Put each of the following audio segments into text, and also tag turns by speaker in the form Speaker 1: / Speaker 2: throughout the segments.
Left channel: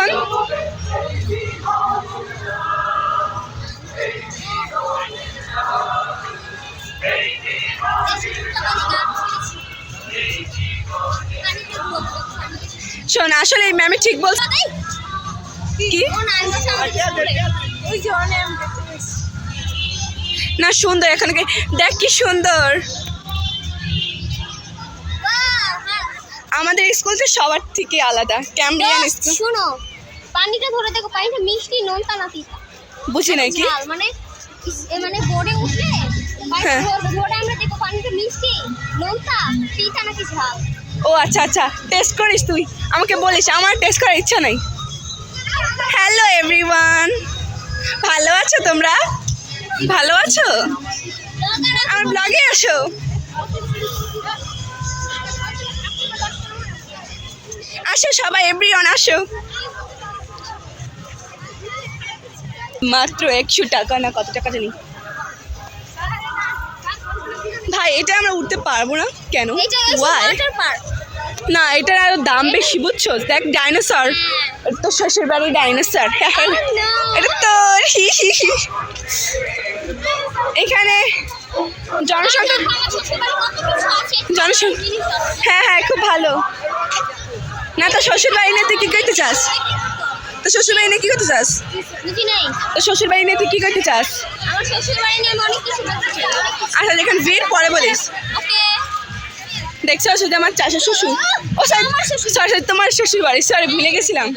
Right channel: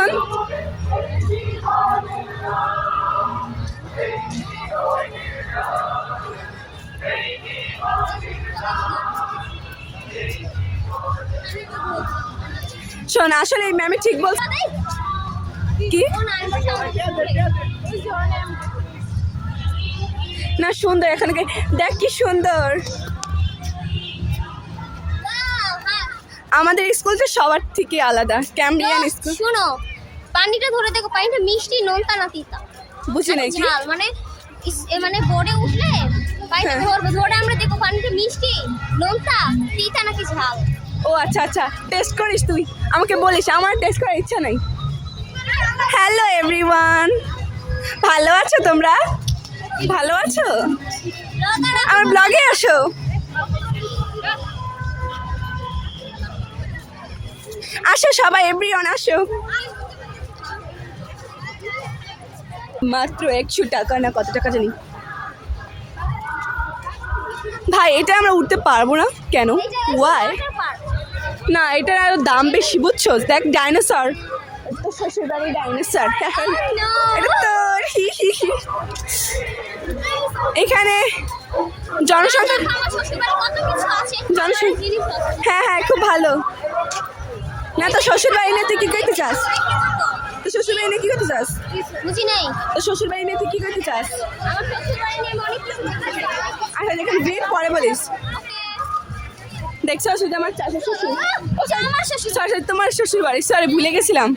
Speaker 1: এখন? শোন আসলে এই ম্যামে ঠিক বলছে। কি? না সুন্দর এখানে দেখ কি সুন্দর। আমাদের স্কুল তো সবার থেকে আলাদা। ক্যাম্ব্রিয়ান স্কুল
Speaker 2: শোনো পানিটা ধরে দেখো পানিটা মিষ্টি নোনতা না তিতা।
Speaker 1: বুঝি নাকি
Speaker 2: ঝাল মানে এ মানে বোর্ডে উঠলে পানিটা
Speaker 1: হ্যাঁ।
Speaker 2: ধরে আমরা দেখো পানিটা মিষ্টি নোনতা তিতা নাকি ঝাল।
Speaker 1: ও আচ্ছা আচ্ছা টেস্ট করিস তুই। আমাকে বলিস আমার টেস্ট করার ইচ্ছা নাই। হ্যালো এভরিওয়ান ভালো আছো তোমরা? ভালো আছো? আমার ব্লগে আসো। আসো সবাই এভরিওয়ান আসো। মাত্র একশো টাকা না কত টাকা জানি? ভাই এটা আমরা উঠতে পারব না? কেন? ওয়াই না এটার আরও দাম বেশি বুঝছ? দেখ ডাইনোসর তো শ্বশুর বাড়ি ডাইনোসর এটা তোর এখানে জনসংখ্যা জনসংখ্যা হ্যাঁ হ্যাঁ খুব ভালো। না তো শ্বশুর বাড়ি নিয়ে তুই কি করতে চাস? তো শ্বশুর বাড়ি নিয়ে কি করতে চাস?
Speaker 2: বুঝি নাই।
Speaker 1: তো শ্বশুর বাড়ি নিয়ে তুই কি করতে চাস। আচ্ছা যেখানে ভিড় পরে বলিস। দেখছ শুধু আমার চাষা শ্বশুর। ও সরি সরি তোমার শ্বশুর বাড়ি সরি ভুলে গেছিলাম।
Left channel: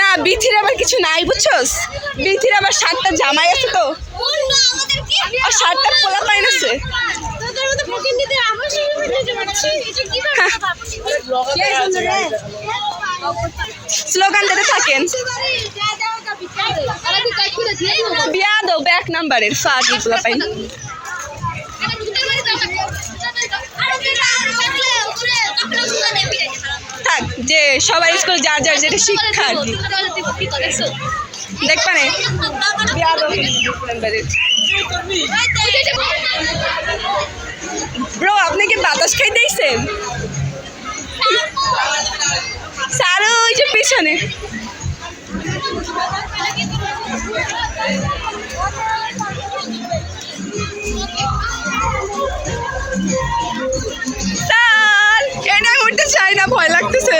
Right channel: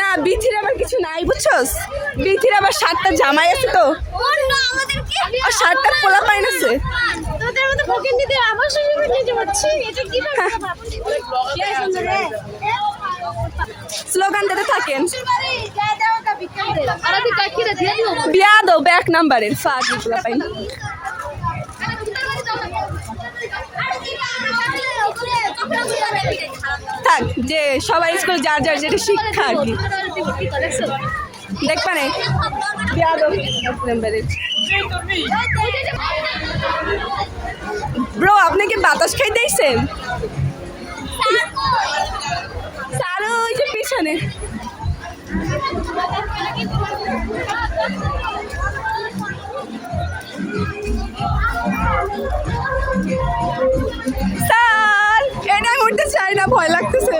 Speaker 1: না বিথির আবার কিছু নাই বুঝছস? বিথির আবার সাতটা জামাই আছে তো। আর সাতটা পোলা পাইন আছে
Speaker 2: তোদের মতো প্রতিনিধিদের আমার শ্বশুর বাড়ি নিয়ে যাচ্ছি এটা কি
Speaker 1: স্লোগান দিতে থাকেন। বিয়া দো ব্যাক নাম্বারের ফাঁকি পোলা পাইন থাক, যে সবাই স্কুল যার যার যেটা শিক্ষা আর কি দেখবা না বিয়া দো নাম্বারের ব্রো আপনি কি বাতাস খাই দেখছেন স্যার ওই যে পিছনে। স্যার এটা উঠতে চাই না, ভয় লাগতেছে।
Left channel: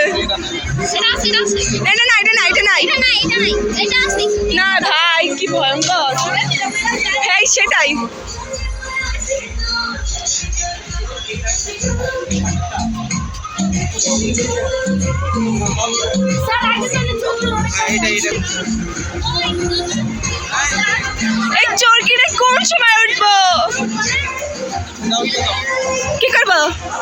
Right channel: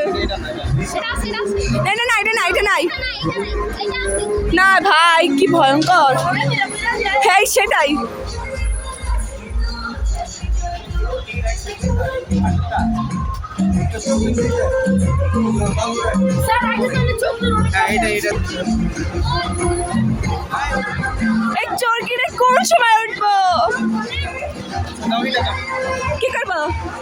Speaker 1: এটা না এটা না এটা নাই না ভাই কি ভয়ঙ্কর। হ্যাঁ সেটাই। এই চোরকিটা কোন সময় উঠবো? কি করব?